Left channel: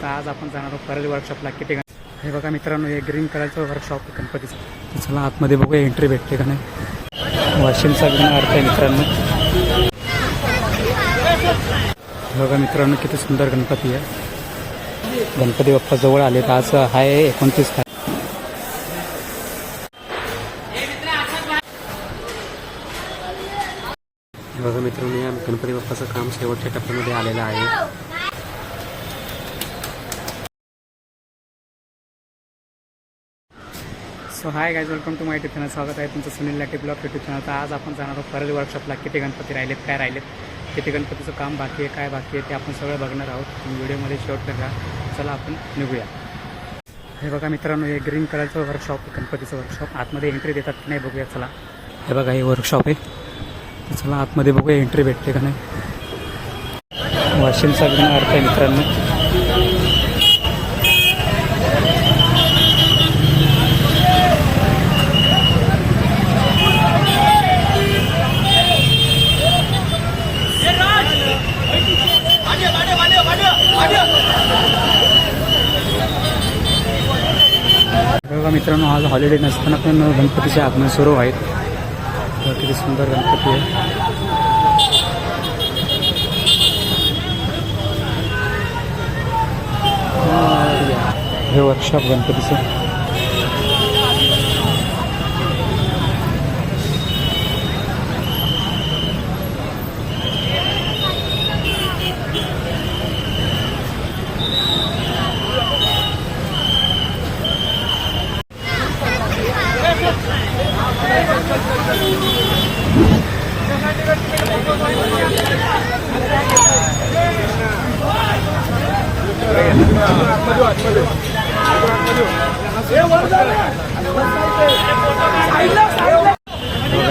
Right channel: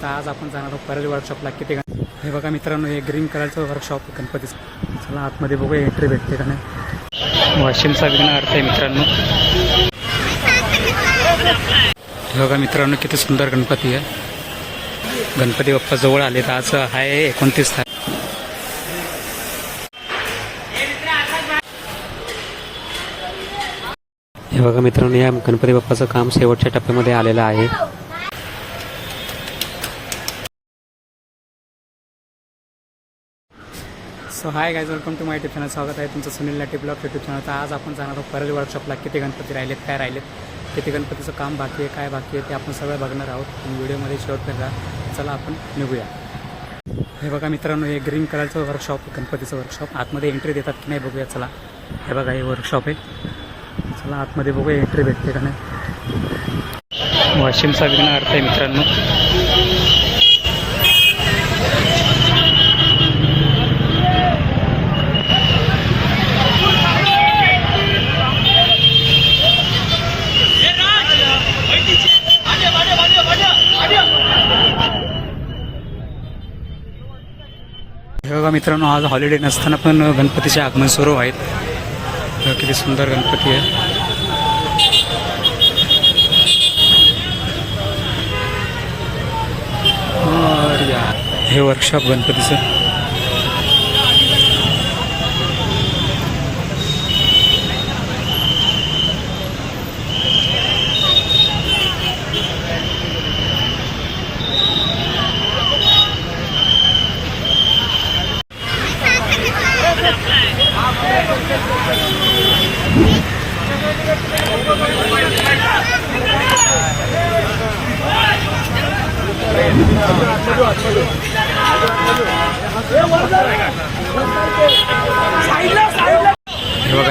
तर आज आपण जाणार आहोत परत वर्कशॉपला किती हे बघा मित्रांनो हे ग्रीन कलरचं वर्कशॉप गणपतीचं. चला आतमध्ये बघूया एंट्री भेटते का नाही. वाशिमचा विघ्न अर्थ आहे मित्रांनो. हे बघा मित्रांनो किती सुंदर गणपती आहे. गणपती बाप्पा जवळ आले तर आज आहे एकोणतीस तारीख. हे बघा मित्रांनो या गणपती बाप्पाचं काम शेवटच्या टप्प्यामध्ये आलेलं आहे. So hi guys welcome to my channel स्वागत आहे तुमचं Sunil Lati blog YouTube channel तर आज आपण जाणार आहोत परत वर्कशॉपला किती गणपती राहिलेत काय राहिलेत किती गणपतीचं काम बाकी आहे? काय बाकी आहे? ते आपण सगळं बघणार आहोत. तुम्ही व्हिडिओमध्ये शेवट करा. चला आपण निघूया. हे बघा मित्रांनो हे ग्रीन कलरचं वर्कशॉप गणपतीचं वर्कशॉप आतमध्ये एंट्री देतात की नाही बघूया चला. हे बघा हे वर्कशॉप आहे. चला आतमध्ये बघूया एंट्री भेटते का नाही? वाशिमचा विघ्न अर्थ आहे मित्रांनो. मित्रांनो आज हॉलिडे नसताना पण गणपतीचे आगमन सुरू आहेत. किती सुंदर गणपती आहे. हे वर्कशॉप गणपतीचं.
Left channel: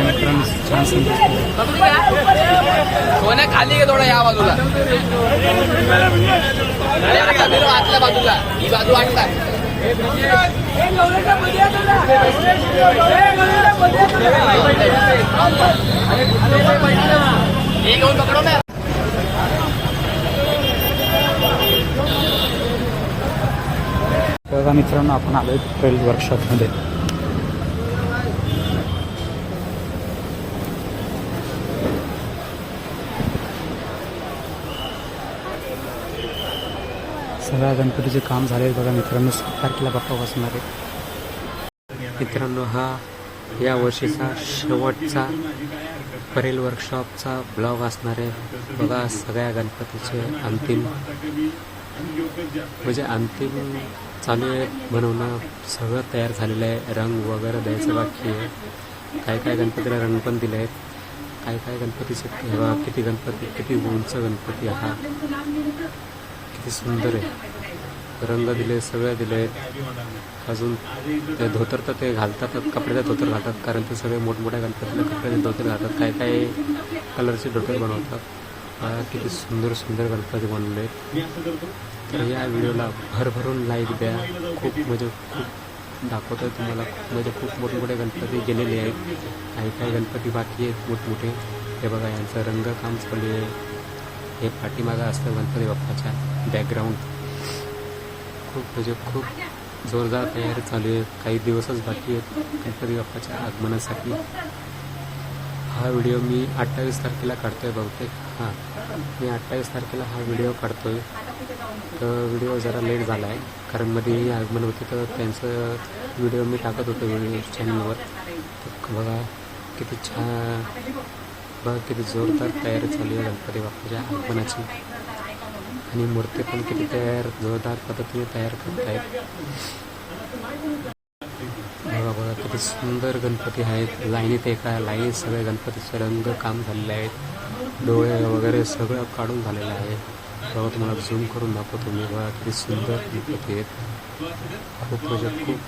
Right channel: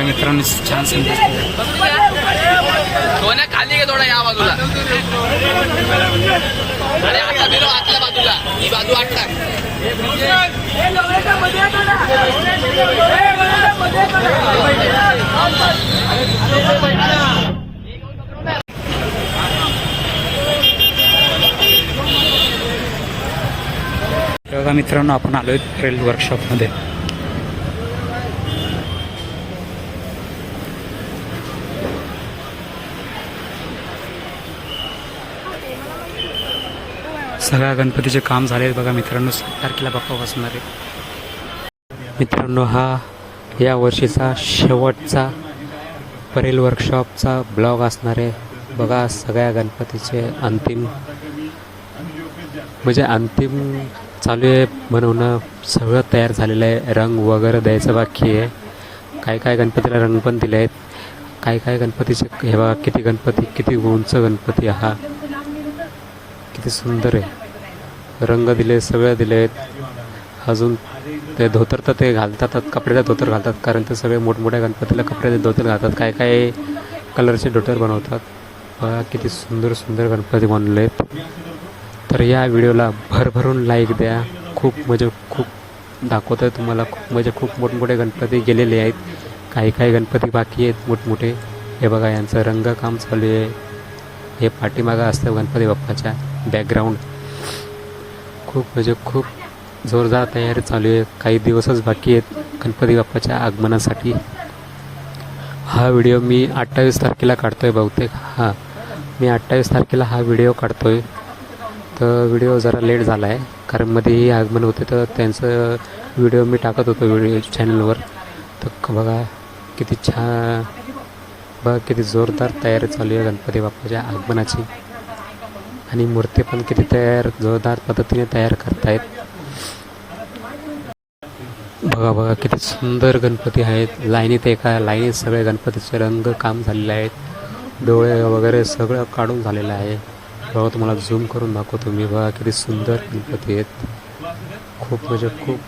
मित्रांनो छान संदेश सोन्या खाली घे थोडा या बाजूला. आतल्या बाजूला ही बाजू आटला ही घेऊन पकडो ना हे बघा मित्रांनो आपण आलोय रेल वर्कशॉपमध्ये सगळ्या गणपतीचे काम झाले बघा मित्रांनो सात तारखेला बाप्पा बसणार आहे मित्रांनो हा या वर्षीचा शेवटचा परेल वर्कशॉपचा ब्लॉग असणार आहे. बघा सगळ्या गणपतीचे अंतिम म्हणजे अंतिम चालू आहे बनवणं सगळं तयार झालेलं आहे. रंग वगैरे द्यायचं बाकी आहे. काय काय गणपतीला रंग पण दिले आहेत. काय काय गणपतीचे हे बघा किती गणपती किती उंच गणपती हा. किती सुंदर आहे. रंग दिले सगळे दिले आहेत. अजून ते धोतर तर ते घालतातच कपड्याचा धोतर घालतात कारण ते सगळे मोठमोठ्या गणपतीला कपड्याचे धोतर घालतात. काय काय कलरचे धोतर बनवतात. किती सुंदर सुंदर गणपती बनवले आहेत तर या व्हिडिओला भरभरून लाईक द्या. खूप म्हणजे खूप दाखवत आहे तुम्हाला. खूप म्हणजे खूप मोठमोठे गणपती गेलेले आहेत. काही काही गणपती बाकी आहेत मोठमोठे. हे बघा यांचं रंगकाम चालू आहे. हे पाठीमागं असतं गणपती बाप्पाच्या बॅकग्राऊंड खूप म्हणजे खूप जोरदार तयारी चालू आहे. काही दिवसच बाकी आहेत गणपती बाप्पाच्या आगमनासाठी. हा व्हिडिओ मी अठ्ठावीस तारखेला काढतोय बहुतेक. हां मी अठ्ठावीस तारखेला हा व्हिडिओ काढतोय. तर व्हिडिओ जरा लेट झाला आहे कारण मध्येही आगमन होते तर त्यांचं व्हिडिओ मी टाकत होतो व्हिडिओ चॅनलवर तर बघा किती छान. बघा किती जोरदार तयारी चालू आहे गणपती बाप्पाच्या आगमनाची. आणि मूर्ती पण किती तयार जोरदार पद्धतीने तयार करतायत. बघा बघा किती सुंदर गणपती आहेत. लाईनीत एका लाईनीत सगळे गणपतीचे रंग काम झालेले आहेत. डोळे वगैरे सगळं काढून झालेलं आहे. बघा तुम्हाला झूम करून दाखवतो मी. बघा किती सुंदर गणपती आहेत. खूप म्हणजे खूप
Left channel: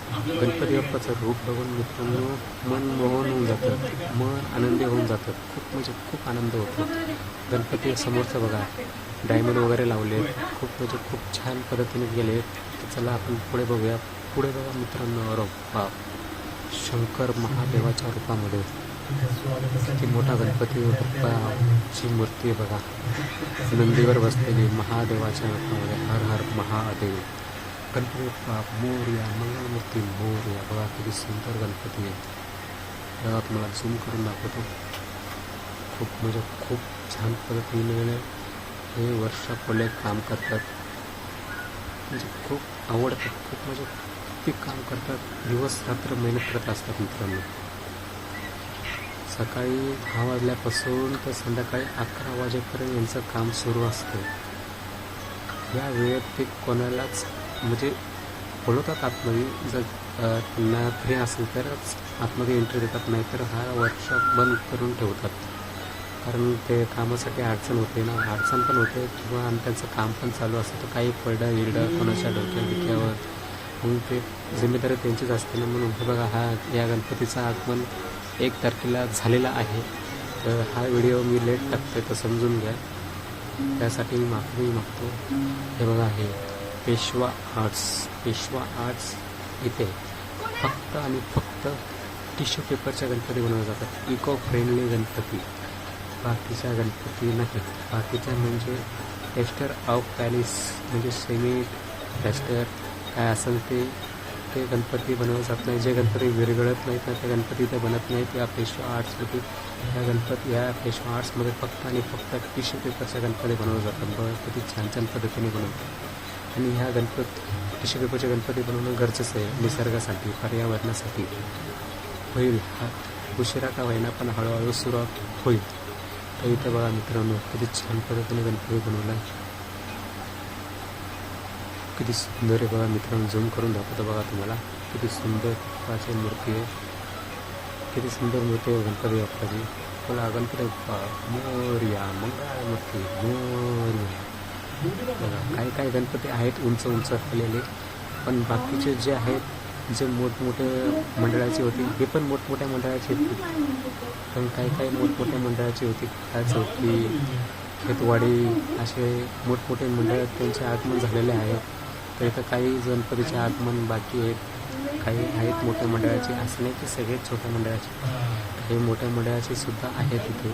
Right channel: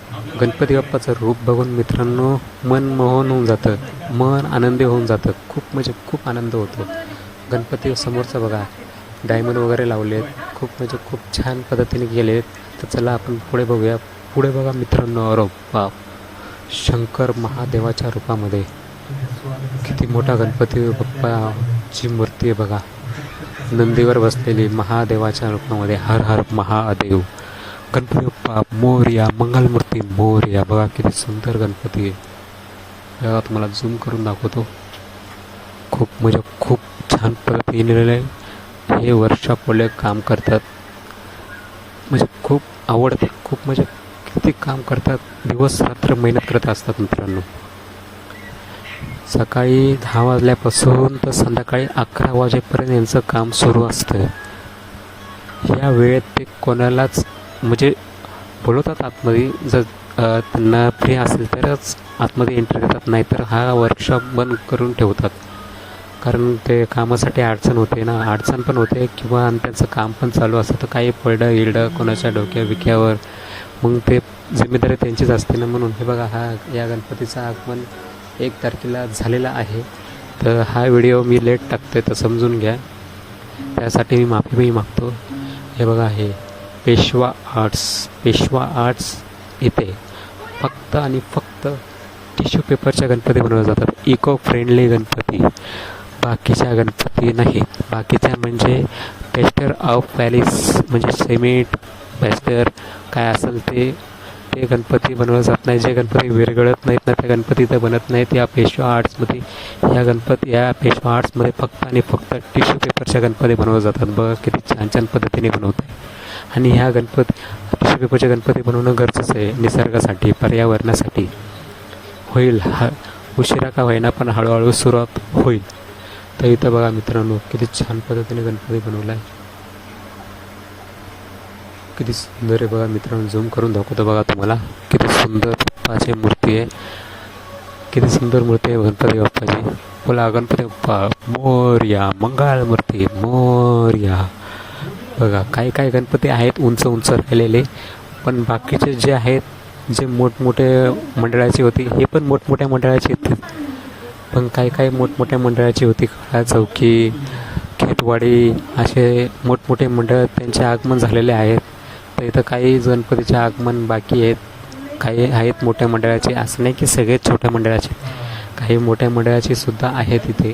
गणपती बाप्पाचं रूप बघून मित्रांनो मन मोहन होऊन जातं. मन आनंदी होऊन जातं. खूप म्हणजे खूप आनंद होतो. गणपती समोरचं बघा. डायमंड वगैरे लावले आहेत खूप म्हणजे खूप छान पद्धतीने गेले आहेत तर चला आपण पुढे बघूया. पुढे बघा मित्रांनो. अरो बाप. शंकर महादेवाच्या रूपामध्ये. किती मोठा गणपती बाप्पाची मूर्ती आहे बघा. नंदीवर बसलेली महादेवाच्या रूपामध्ये हर हर महादेव. गणपती बाप्पा मोर्या मंगलमूर्ती मोर्या. बघा किती सुंदर गणपती आहे. बघा तुम्हाला झूम करून दाखवतो. खूप म्हणजे खूप छान पद्धतीने हे वर्षापोले काम करतात. म्हणजे खूप आवडते. खूप म्हणजे किती काम करतात. दिवस रात्र मेहनत करत असतात मित्रांनो. सकाळी दहा वाजल्यापासून तर संध्याकाळी अकरा वाजेपर्यंत यांचं काम सुरू असतं. या वेळेत ते कोणालाच म्हणजे बोलवतात आतमध्ये जर त्यांना फ्री असेल तरच आतमध्ये एंट्री देतात नाहीतर हा वर्कशॉप बंद करून ठेवतात. कारण ते कामासाठी अडचण होते ना अडचण पण होते किंवा आणि त्यांचं काम पण चालू असतं तर काही पडडं इडं कोणाच्या डोक्या विक्यावर. मग ते जिम्मेदारी त्यांचीच असते ना म्हणून. हे बघा हा या गणपतीचं आगमन एक तारखेला झालेला आहे. तर हा व्हिडिओ मी लेट टाकतोय तर समजून घ्या. त्यासाठी मी माफी मागतो. हे बघा हे पेशवा आर्ट्स पेशवा आर्ट्स इथे फक्त आणि फक्त टिश्यू पेपरच्या गणपती बनवले जातात. Eco friendly Ganpati. बाकीच्या गणपती नाहीत बाकीच्या म्हणजे पेस्टर ऑफ पॅलेस म्हणजे सिमेंट पेस्टर काय असेल ते ते गणपती बनवलं जात नाही. जे गणपती विरघळत नाहीत ना ते गणपती तर बनत नाहीत. या पेशवा आर्ट्समध्ये या गणपती या पेशवा आर्ट्समध्ये फक्त आणि फक्त टिश्यू पेपरच्या गणपती बनवले जातात. बघा किती छान छान पद्धतीने बनवतात. आणि ह्या गणपती टिश्यू पेपरचे गणपती बनवणं गरजेचं आहे निसर्गासाठी पर्यावरणासाठी. होईल. हा उशिरा का होईना पण हळूहळू सुरुवात होईल. तर इथं बघा मित्रांनो किती छान पद्धतीने गणपती बनवला आहे किती सुंदर आहे बघा मित्रांनो झूम करून दाखवतो बघा तुम्हाला. किती सुंदर बाप्पाची मूर्ती आहे. किती सुंदर मूर्ती आहे गणपती बाप्पाची बोला गणपती बाप्पा मोर्या मंगळ मूर्ती मोर्या. बघा काही काही गणपती आहेत उंच उंच राहिलेले पण बाकीचे जे आहेत जे मोठमोठे मंडळाची होती हे पण मोठमोठ्या मंडळाची होती पण काही काही मोठमोठ्या मंडळाची होती काळा चौकी खेतवाडी असे मोठमोठे मंडळ त्यांचे आगमन झालेले आहेत. तर इथं काही गणपतीचे आगमन बाकी आहेत. काही आहेत मोठ्या मंडळाचे. असं नाही की सगळेच छोट्या मंडळाचे. काही मोठ्या मंडळाचे सुद्धा आहेत इथे.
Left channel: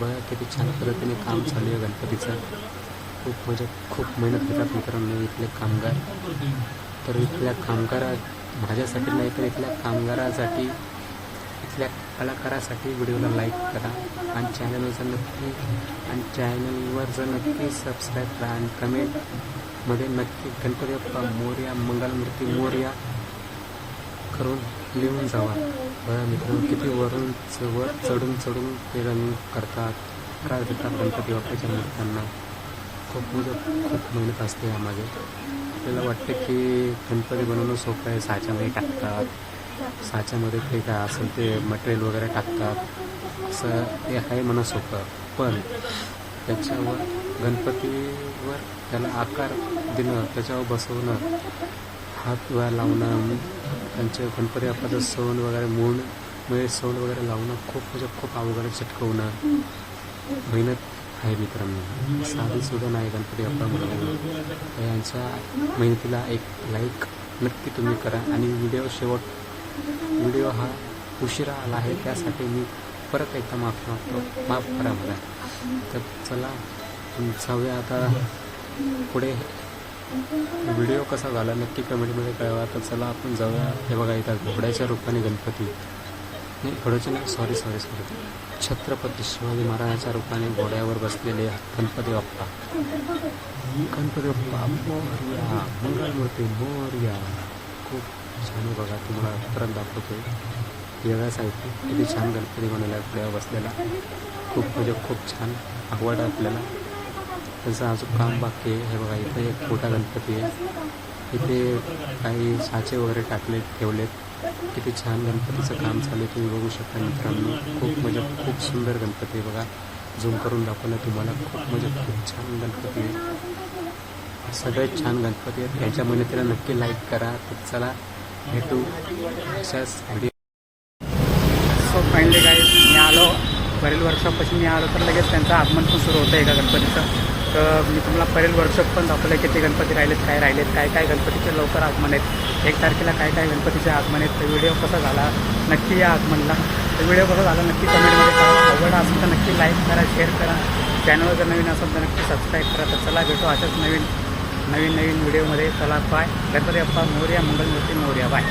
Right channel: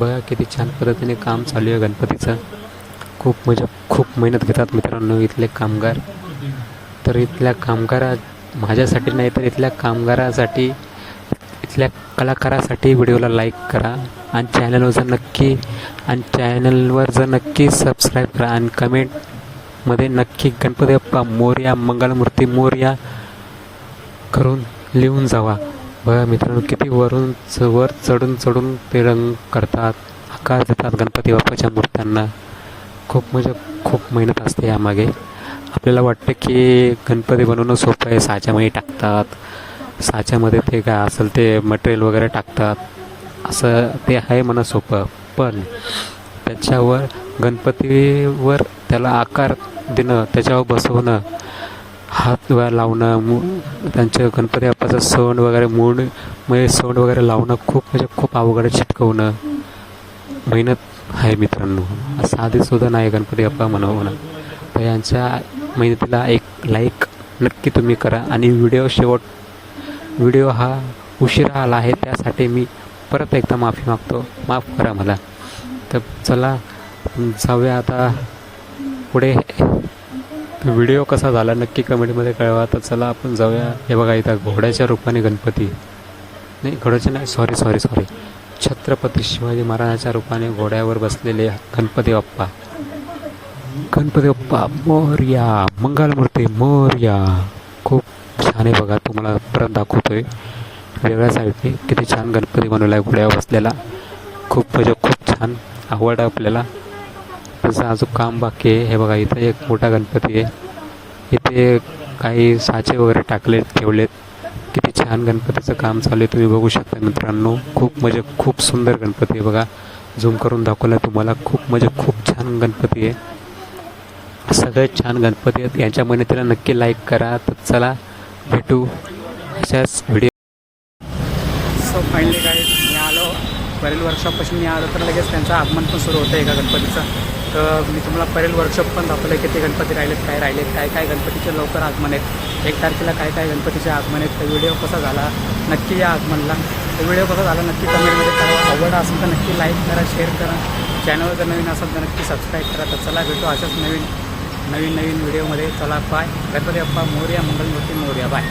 बघा किती छान पद्धतीने काम चालू आहे गणपतीचं. खूप म्हणजे खूप मेहनत घेतात मित्रांनो इथले कामगार. तर इथल्या कामगारा माझ्यासाठी नाही तर इथल्या कामगारासाठी इथल्या कलाकारासाठी व्हिडिओला लाईक करा. आणि चॅनलवर जर नक्की आणि चॅनलवर जर नक्की सबस्क्राईब करा. आणि मध्ये नक्की गणपती बाप्पा मोर्या मंगलमूर्ती मोर्या करून लिहून जावा. बघा मित्रांनो किती वरून च- वर चढून चढून ते रंग करतात आकार देतात गणपती बाप्पाच्या मूर्त्यांना. खूप म्हणजे खूप मेहनत असते यामागे. आपल्याला वाटतं की गणपती बनवणं सोपं आहे साच्यामध्ये टाकतात. साच्यामध्ये ते काय असेल ते मटेरियल वगैरे टाकतात. असं ते आहे म्हणा सोपं. पण त्याच्यावर गणपतीवर त्याला आकार देणं त्याच्यावर बसवणं हात वगैरे लावणं मु त्यांचं गणपती बाप्पाचं सोंड वगैरे मूड म्हणजे सोंड वगैरे लावणं खूप म्हणजे खूप अवघड चिटकवणं. मेहनत आहे मित्रांनो. साधी सुद्धा नाही गणपती बाप्पा म्हणून तर यांच्या मेहनतीला एक लाईक नक्की तुम्ही करा. आणि व्हिडिओ शेवट व्हिडिओ हा उशिरा आला आहे त्यासाठी मी परत एकदा माफी मागतो. माफ करा मला. तर चला जाऊया आता. पुढे व्हिडिओ कसा झाला नक्की कमेंटमध्ये कळवा. तर चला आपण जाऊया. हे बघा इथं घोड्याच्या रूपाने गणपती. नाही घोड्याच्या नाही sorry sorry sorry Chhatrapati Shivaji महाराजाच्या रूपाने घोड्यावर बसलेले गणपती बाप्पा. गणपती बाप्पा मोर्या मंगलमूर्ती मोर्या. खूप छान आहे बघा तुम्हाला परत दाखवतोय. वेगळ्या साईडने किती छान गणपती बनवला आहे घोड्यावर बसलेला. खूप म्हणजे खूप छान आवड आहे आपल्याला. त्याचं अजून काम बाकी आहे. हे बघा इथे एक मोठा गणपती आहे. इथे काही साचे वगैरे टाकलेत ठेवलेत. किती छान गणपतीचं काम चालू आहे. तुम्ही बघू शकता मित्रांनो खूप म्हणजे खूप सुंदर गणपती आहे बघा. झूम करून दाखवला तुम्हाला. खूप म्हणजे खूप छान गणपती आहे. सगळ्यात छान गणपती आहेत. यांच्या मेहनतीला नक्की लाईक करा. तर चला भेटू अशाच व्हिडिओ सो फायनली काय मी आलो. बरेल वर्षापासून मी आलो तर लगेच त्यांचं आगमन पण सुरू होतं एका गणपतीचं. तर मी तुम्हाला परेल वर्कशॉप पण दाखवलं आहे किती गणपती राहिलेत काय राहिलेत काय काय गणपतीचे लवकर आगमन आहेत. एक तारखेला काय काय गणपतीचे आगमन आहेत तर व्हिडिओ कसा झाला नक्की या आगमनला. तर व्हिडिओ कसा झाला नक्की कमेंटमध्ये करा आवडला असेल तर नक्की लाईक करा शेअर करा. चॅनलवर जर नवीन असेल तर नक्की सबस्क्राईब करा. तर चला भेटू अशाच नवीन नवीन नवीन व्हिडिओमध्ये चला बाय गणपती अप्पा मोर्या मंगलमूर्ती मोर्या. बाय